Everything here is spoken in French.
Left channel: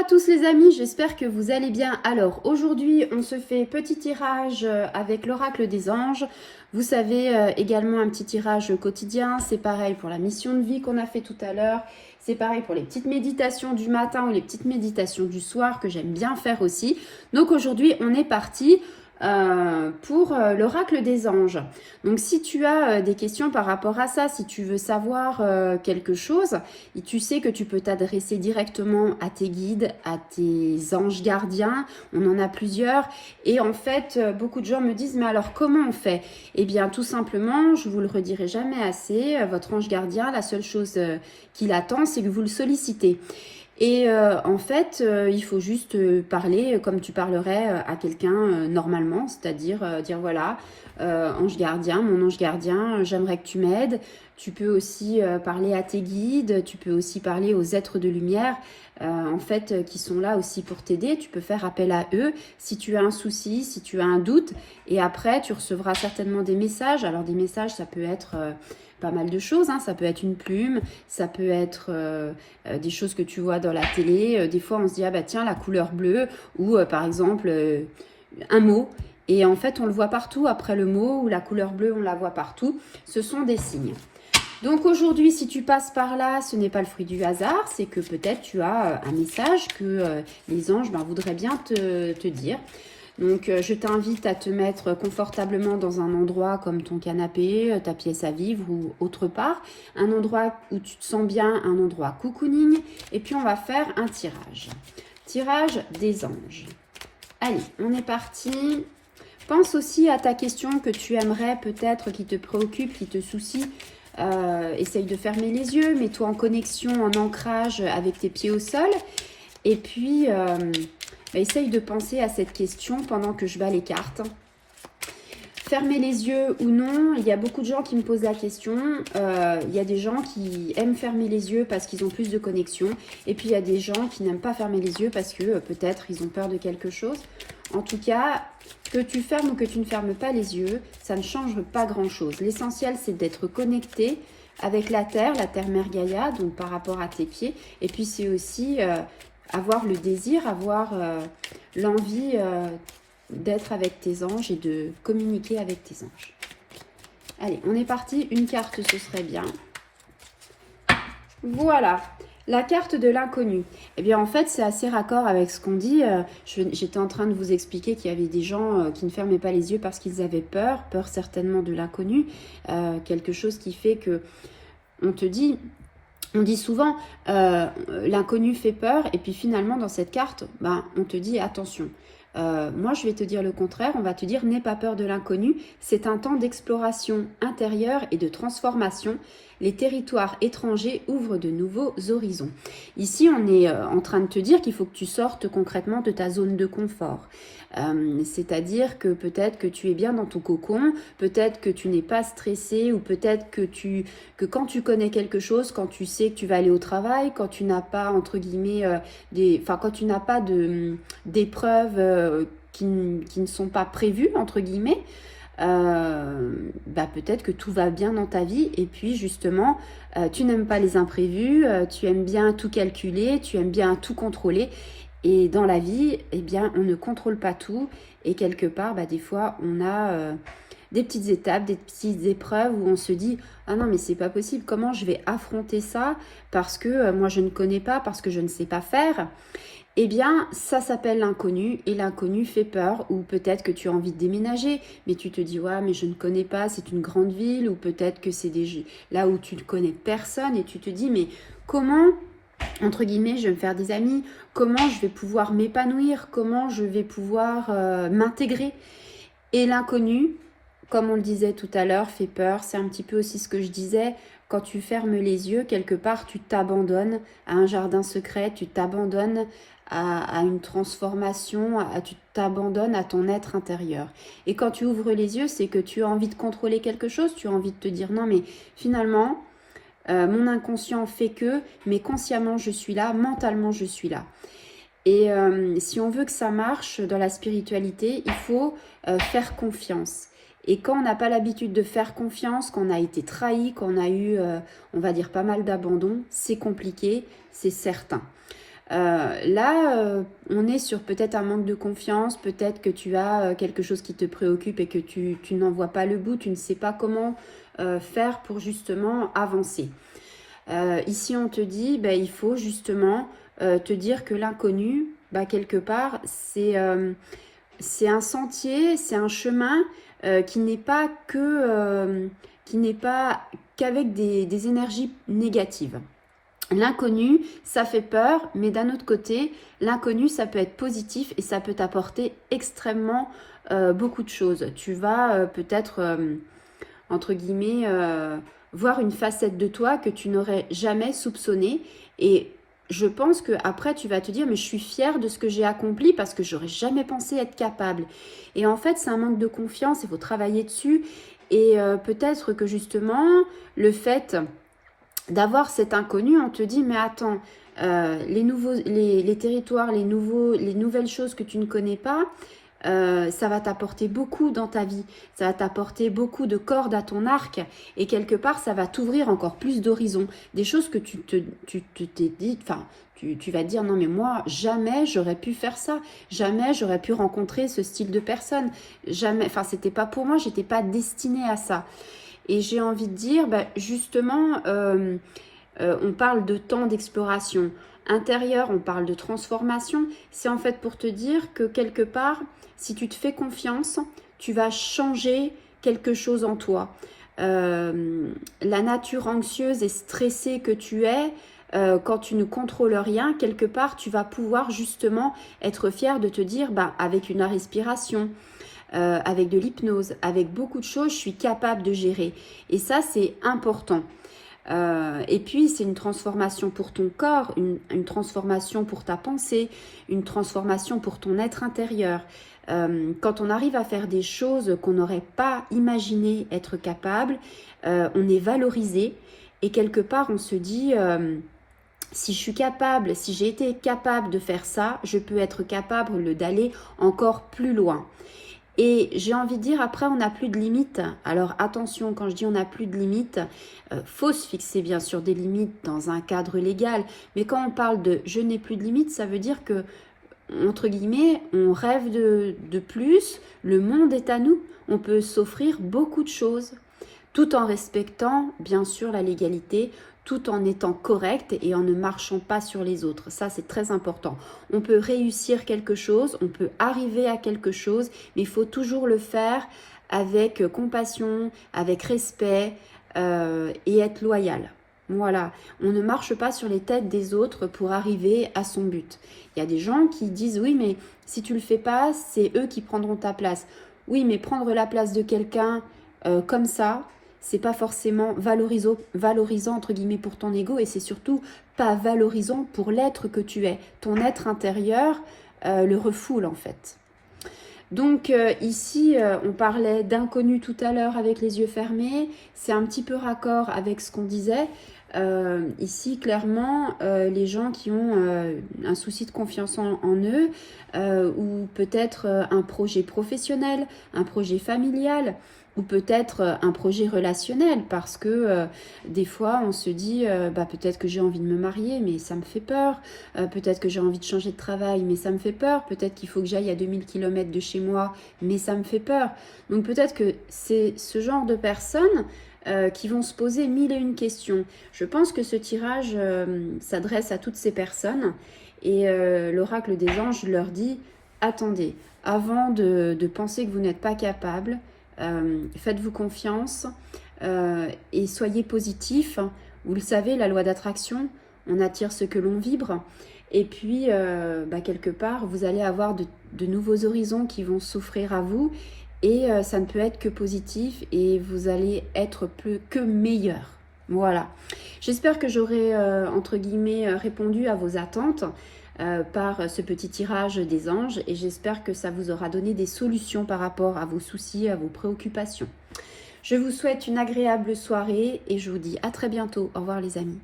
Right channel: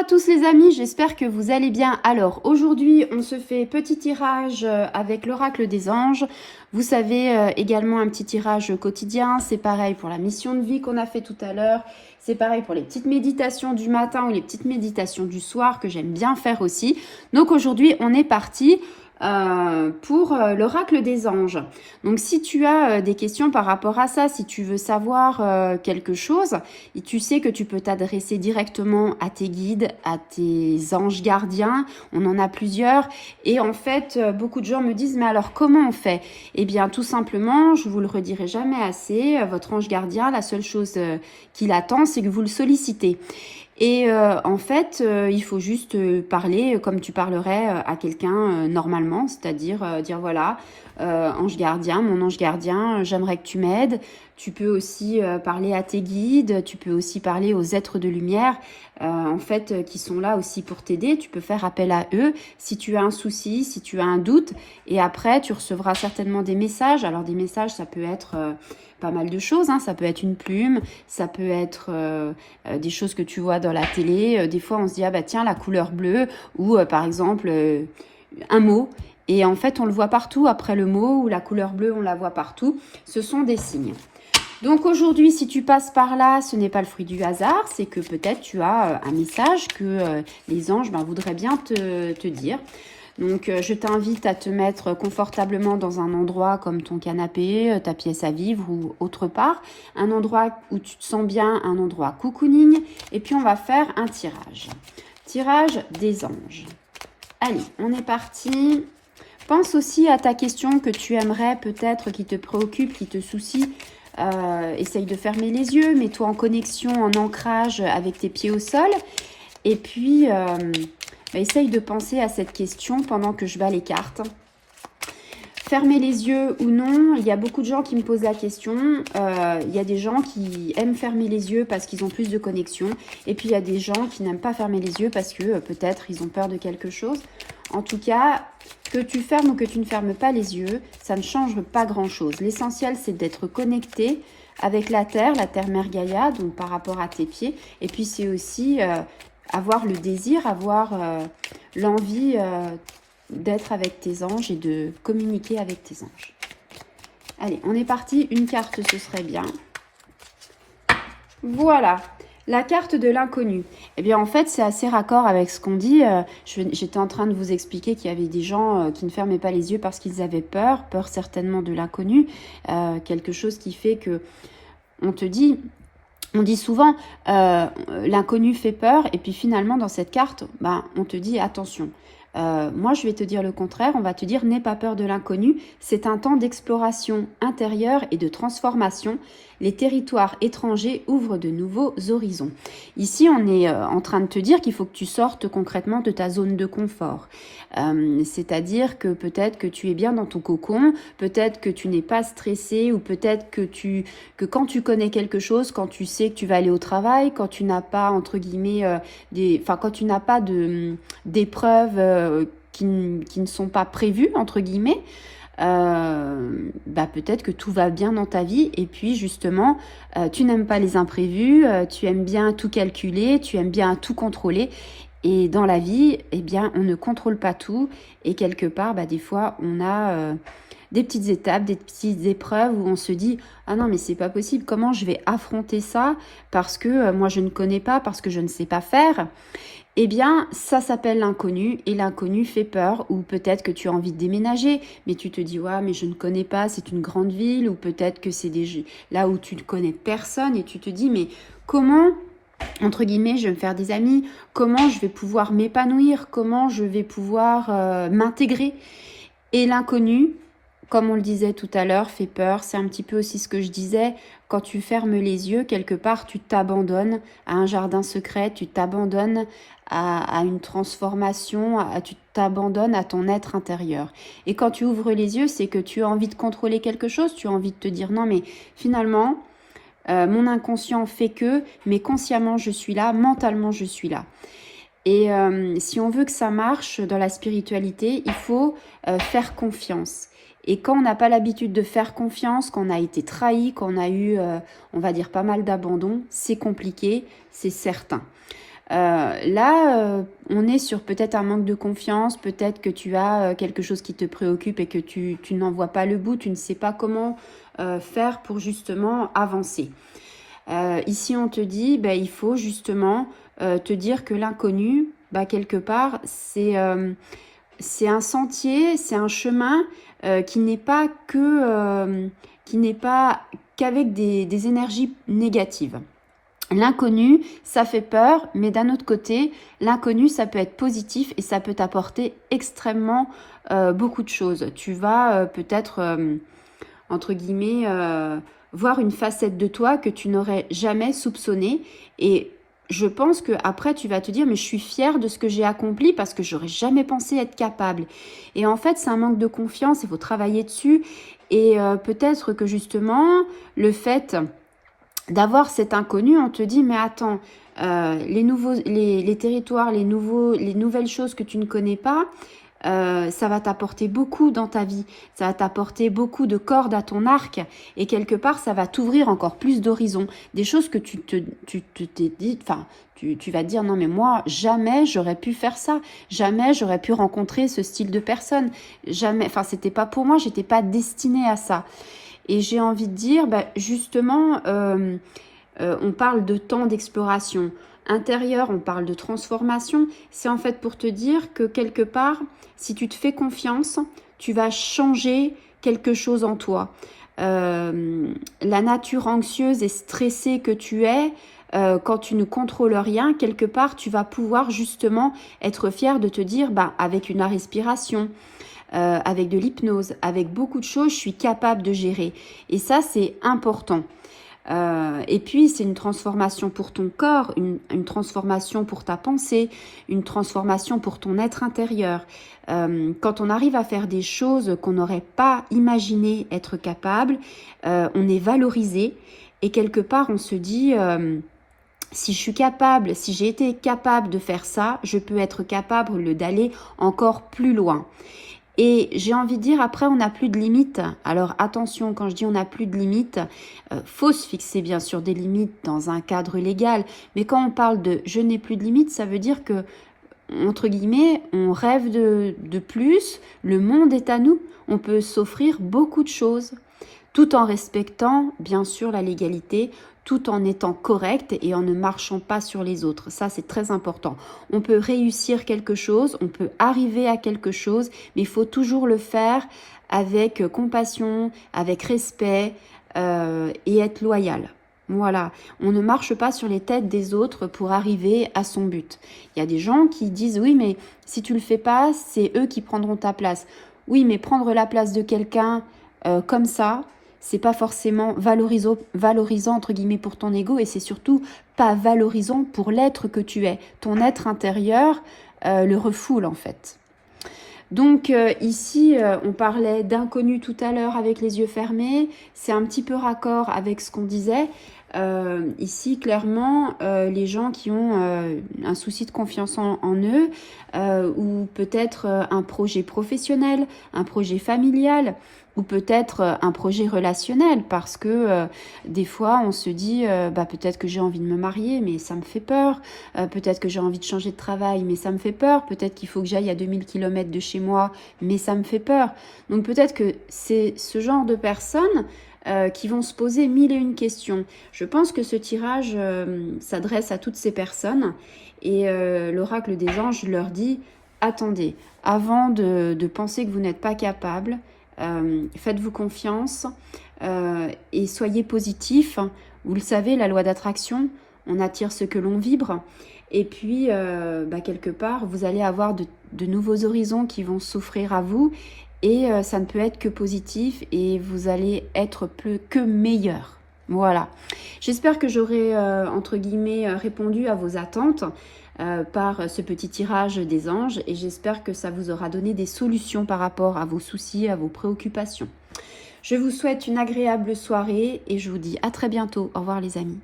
à tous les amis, j'espère que vous allez bien. Alors aujourd'hui on se fait petit tirage avec l'oracle des anges. Vous savez également un petit tirage quotidien, c'est pareil pour la mission de vie qu'on a fait tout à l'heure. C'est pareil pour les petites méditations du matin ou les petites méditations du soir que j'aime bien faire aussi. Donc aujourd'hui on est parti pour l'oracle des anges. Donc si tu as des questions par rapport à ça, si tu veux savoir quelque chose, et tu sais que tu peux t'adresser directement à tes guides, à tes anges gardiens, on en a plusieurs, et en fait beaucoup de gens me disent mais alors comment on fait? Eh bien tout simplement, je vous le redirai jamais assez, votre ange gardien, la seule chose qu'il attend c'est que vous le sollicitez. Et en fait, il faut juste parler comme tu parlerais à quelqu'un normalement, c'est-à-dire dire voilà, ange gardien, mon ange gardien, j'aimerais que tu m'aides. Tu peux aussi parler à tes guides, tu peux aussi parler aux êtres de lumière, en fait, qui sont là aussi pour t'aider. Tu peux faire appel à eux si tu as un souci, si tu as un doute. Et après, tu recevras certainement des messages. Alors des messages, ça peut être pas mal de choses, hein. Ça peut être une plume, ça peut être des choses que tu vois dans la télé. Des fois, on se dit, ah bah tiens, la couleur bleue, ou par exemple, un mot. Et en fait, on le voit partout. Après le mot ou la couleur bleue, on la voit partout. Ce sont des signes. Donc aujourd'hui, si tu passes par là, ce n'est pas le fruit du hasard. C'est que peut-être tu as un message que les anges voudraient bien te dire. Donc, je t'invite à te mettre confortablement dans un endroit comme ton canapé, ta pièce à vivre ou autre part. Un endroit où tu te sens bien, un endroit cocooning. Et puis, on va faire un tirage. Tirage des anges. Allez, on est parti. Pense aussi à ta question que tu aimerais peut-être, qui te préoccupe, qui te soucie. Essaye de fermer les yeux, mets-toi en connexion, en ancrage avec tes pieds au sol. Et puis... essaye de penser à cette question pendant que je bats les cartes. Fermer les yeux ou non, il y a beaucoup de gens qui me posent la question. Il y a des gens qui aiment fermer les yeux parce qu'ils ont plus de connexion. Et puis il y a des gens qui n'aiment pas fermer les yeux parce que peut-être ils ont peur de quelque chose. En tout cas, que tu fermes ou que tu ne fermes pas les yeux, ça ne change pas grand-chose. L'essentiel, c'est d'être connecté avec la Terre Mère Gaïa, donc par rapport à tes pieds. Et puis c'est aussi... avoir le désir, avoir l'envie d'être avec tes anges et de communiquer avec tes anges. Allez, on est parti. Une carte, ce serait bien. Voilà, la carte de l'inconnu. Eh bien, en fait, c'est assez raccord avec ce qu'on dit. J'étais en train de vous expliquer qu'il y avait des gens qui ne fermaient pas les yeux parce qu'ils avaient peur certainement de l'inconnu. Quelque chose qui fait que on te dit... On dit souvent, l'inconnu fait peur, et puis finalement, dans cette carte, on te dit attention. Moi, je vais te dire le contraire, on va te dire n'aie pas peur de l'inconnu. C'est un temps d'exploration intérieure et de transformation. Les territoires étrangers ouvrent de nouveaux horizons. Ici, on est en train de te dire qu'il faut que tu sortes concrètement de ta zone de confort. C'est-à-dire que peut-être que tu es bien dans ton cocon, peut-être que tu n'es pas stressé, ou peut-être que quand tu connais quelque chose, quand tu sais que tu vas aller au travail, quand tu n'as pas, entre guillemets, quand tu n'as pas d'épreuves qui ne sont pas prévues, entre guillemets, peut-être que tout va bien dans ta vie, et puis justement tu n'aimes pas les imprévus, tu aimes bien tout calculer, tu aimes bien tout contrôler, et dans la vie, eh bien, on ne contrôle pas tout, et quelque part, des fois, on a des petites étapes, des petites épreuves où on se dit « Ah non, mais c'est pas possible, comment je vais affronter ça parce que moi je ne connais pas, parce que je ne sais pas faire ?» Eh bien, ça s'appelle l'inconnu, et l'inconnu fait peur, ou peut-être que tu as envie de déménager, mais tu te dis « Ouais, mais je ne connais pas, c'est une grande ville », ou peut-être que c'est là où tu ne connais personne, et tu te dis « Mais comment, entre guillemets, je vais me faire des amis, comment je vais pouvoir m'épanouir, comment je vais pouvoir m'intégrer ?» Et l'inconnu, comme on le disait tout à l'heure, fait peur. C'est un petit peu aussi ce que je disais. Quand tu fermes les yeux, quelque part, tu t'abandonnes à un jardin secret, tu t'abandonnes à une transformation, tu t'abandonnes à ton être intérieur. Et quand tu ouvres les yeux, c'est que tu as envie de contrôler quelque chose, tu as envie de te dire non, mais finalement, mon inconscient fait que, mais consciemment, je suis là, mentalement, je suis là. Et si on veut que ça marche dans la spiritualité, il faut faire confiance. Et quand on n'a pas l'habitude de faire confiance, qu'on a été trahi, qu'on a eu, on va dire, pas mal d'abandon, c'est compliqué, c'est certain. Là, on est sur peut-être un manque de confiance, peut-être que tu as quelque chose qui te préoccupe et que tu n'en vois pas le bout, tu ne sais pas comment faire pour justement avancer. Ici, on te dit, bah, il faut justement te dire que l'inconnu, bah, quelque part, c'est un sentier, c'est un chemin qui n'est pas qu'avec des énergies négatives. L'inconnu, ça fait peur, mais d'un autre côté, l'inconnu, ça peut être positif et ça peut t'apporter extrêmement beaucoup de choses. Tu vas peut-être, entre guillemets, voir une facette de toi que tu n'aurais jamais soupçonnée. Et je pense qu'après, tu vas te dire, mais je suis fière de ce que j'ai accompli parce que j'aurais jamais pensé être capable. Et en fait, c'est un manque de confiance, il faut travailler dessus. Et peut-être que justement, le fait d'avoir cet inconnu, on te dit, mais attends, les territoires, les nouvelles choses que tu ne connais pas, ça va t'apporter beaucoup dans ta vie, ça va t'apporter beaucoup de cordes à ton arc et quelque part ça va t'ouvrir encore plus d'horizons, des choses que tu t'es dit, enfin tu vas te dire non mais moi jamais j'aurais pu faire ça, jamais j'aurais pu rencontrer ce style de personne, jamais, enfin c'était pas pour moi, j'étais pas destinée à ça. Et j'ai envie de dire, bah, justement, on parle de temps d'exploration intérieure, on parle de transformation. C'est en fait pour te dire que quelque part, si tu te fais confiance, tu vas changer quelque chose en toi. La nature anxieuse et stressée que tu es, quand tu ne contrôles rien, quelque part, tu vas pouvoir justement être fier de te dire, bah, avec une respiration, avec de l'hypnose, avec beaucoup de choses, je suis capable de gérer. Et ça, c'est important. Et puis, c'est une transformation pour ton corps, une transformation pour ta pensée, une transformation pour ton être intérieur. Quand on arrive à faire des choses qu'on n'aurait pas imaginé être capable, on est valorisé et quelque part, on se dit... si je suis capable, si j'ai été capable de faire ça, je peux être capable d'aller encore plus loin. Et j'ai envie de dire, après, on n'a plus de limites. Alors attention, quand je dis on n'a plus de limites, faut se fixer bien sûr des limites dans un cadre légal. Mais quand on parle de je n'ai plus de limites, ça veut dire que, entre guillemets, on rêve de plus, le monde est à nous, on peut s'offrir beaucoup de choses, tout en respectant bien sûr la légalité, tout en étant correct et en ne marchant pas sur les autres. Ça, c'est très important. On peut réussir quelque chose, on peut arriver à quelque chose, mais il faut toujours le faire avec compassion, avec respect et être loyal. Voilà, on ne marche pas sur les têtes des autres pour arriver à son but. Il y a des gens qui disent, oui, mais si tu le fais pas, c'est eux qui prendront ta place. Oui, mais prendre la place de quelqu'un comme ça, c'est pas forcément valorisant entre guillemets pour ton ego et c'est surtout pas valorisant pour l'être que tu es. Ton être intérieur le refoule en fait. Donc ici, on parlait d'inconnu tout à l'heure avec les yeux fermés. C'est un petit peu raccord avec ce qu'on disait. Ici, clairement, les gens qui ont un souci de confiance en eux ou peut-être un projet professionnel, un projet familial ou peut-être un projet relationnel parce que des fois on se dit bah, peut-être que j'ai envie de me marier mais ça me fait peur, peut-être que j'ai envie de changer de travail mais ça me fait peur, peut-être qu'il faut que j'aille à 2000 km de chez moi mais ça me fait peur. Donc peut-être que c'est ce genre de personnes qui vont se poser mille et une questions. Je pense que ce tirage s'adresse à toutes ces personnes et l'oracle des anges leur dit attendez, avant de penser que vous n'êtes pas capable, faites-vous confiance et soyez positif. Vous le savez, la loi d'attraction, on attire ce que l'on vibre. Et puis, bah, quelque part, vous allez avoir de nouveaux horizons qui vont s'offrir à vous. Et ça ne peut être que positif et vous allez être plus que meilleur. Voilà. J'espère que j'aurai, entre guillemets, répondu à vos attentes par ce petit tirage des anges et j'espère que ça vous aura donné des solutions par rapport à vos soucis, à vos préoccupations. Je vous souhaite une agréable soirée et je vous dis à très bientôt. Au revoir les amis.